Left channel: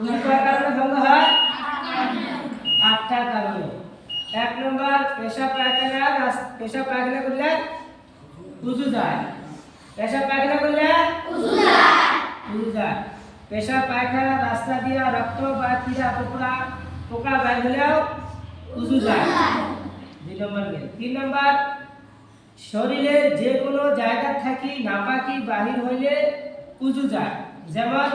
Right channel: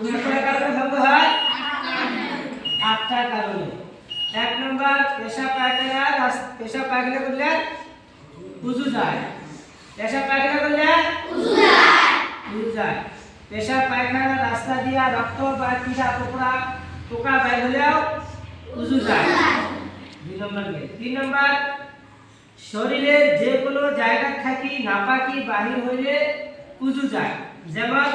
উজু করার কারণে ভঙ্গ হয় আটটা কারণে। এক নম্বর পেশাব পায়খানা করলে উজু যায়। পেশাব পায়খানা করলে উজু যায়। পেশাব পায়খানা রাস্তা দিয়া রক্ত বা কীড়া পোকা বের হলেও উজু যায়। 2 নম্বর গেল। 3 নম্বর শরীরের যে কোনো জায়গা থেকে নাপাকি বাহির হইলে উজু যায়। যেমন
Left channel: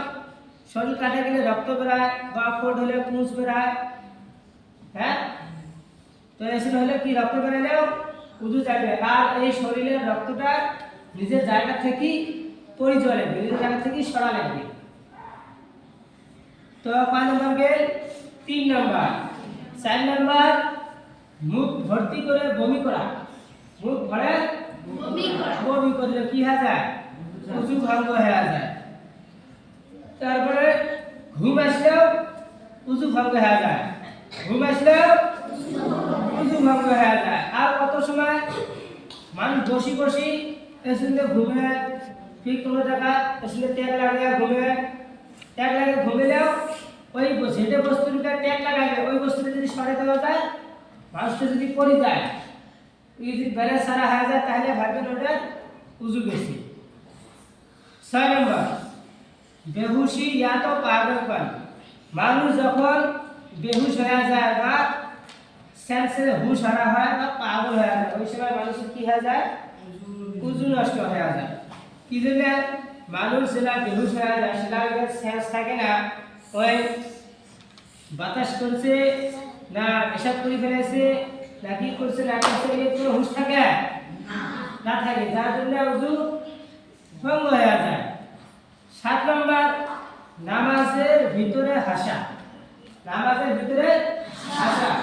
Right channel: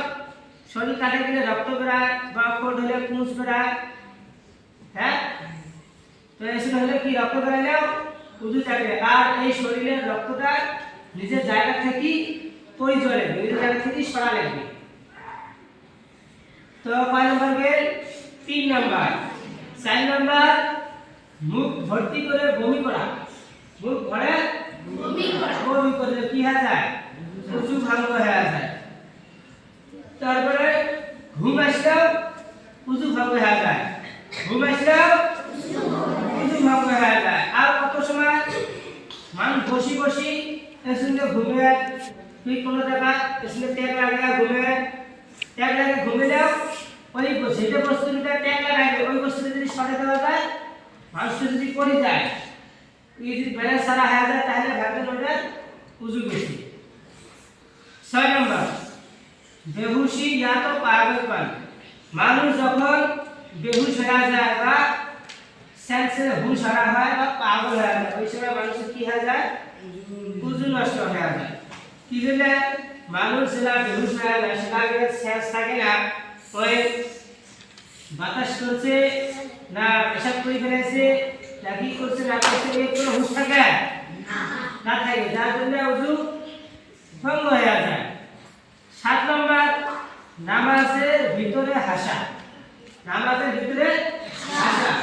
শরীর কাটে গেলে রক্ত বেরায় বা ফোট হলে কুঁচ বেরায়, হ্যাঁ, তো এসব হলে কি রক্ত বেরালেও উজু যাবে। আর এই শরীরের রক্তটা নিজের জায়গা থেকে পরিচয় লাগবে, নিজের জায়গা থেকে সরা লাগবে। তো কয় নম্বর গেল? 3 নম্বর। 4 নম্বর মুখ ভর্তি করে বমি করা। মুখ ভরে বমি করলে কি হয়ে যায়? উজু ভঙ্গ হয়ে যায়। তারপরে ঘুম আসলেও উজু ভঙ্গ হয়ে যায়। ঘুম আসলেও উজু ভঙ্গ হয়ে যায়। আর কত সময় মানুষ বসি এসে ঘুমে, ঠিক কোনো জায়গা এসে ট্যাগ লাগে ঘুমেলেও ওই যেটা বস্তুটা ট্যাগ লাগাইবে ওই বস্তুটা যদি সরে দেওয়া যায়, মানুষটা যদি পড়ে যায়, যদি ব্যালেন্স সারা হয়ে যায়, তাহলে ভাববেন ওটা উজু গেছে। 6 নম্বর বেহুশি या तो পাগলপন। মানুষ যখন বেহুশ হয়ে যায় বা সেন্সে হুশ হারা হয় বা পাগল হয়ে যায়, ওই সময় মানুষের কি হয়ে যায়? উজু নষ্ট হয়ে যায়। কি জন্য? মানুষ যেটা বেহুশ হয়ে যায় সেটা সেন্স থাকে না, ওই বাতাস করছে না পেশাব করে ফেলেছে না কি করছে না করছে, এই কোনো হুশ থাকে না থাকে, যার জন্য উজু ভঙ্গ হয়ে যায়। 7 নম্বর নামাজের ভিতরে হাসা। নামাজের ভিতরে হাসা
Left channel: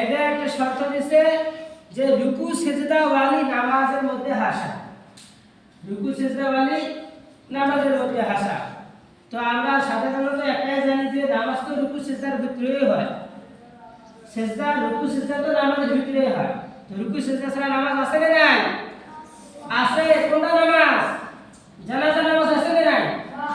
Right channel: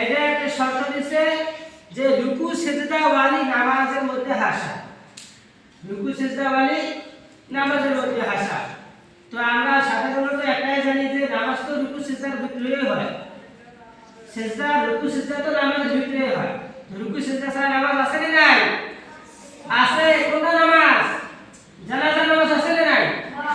এটা একটা শর্ত দিছে যে রুকু সিজদা ওয়ালি নামাজের মধ্যে হাসা। রুকু সিজদা ওয়ালি নামাজের মধ্যে হাসা। তো আমরা সাধারণত একটাই জানি যে নামাজ তো রুকু সিজদার ভিতরেই হয়। রুকু সিজদা তো নামাজের ভিতরেই হয়। রুকু সিজদা ছাড়া নামাজ আছে না নাই? আছে। কোনটা নামাজ?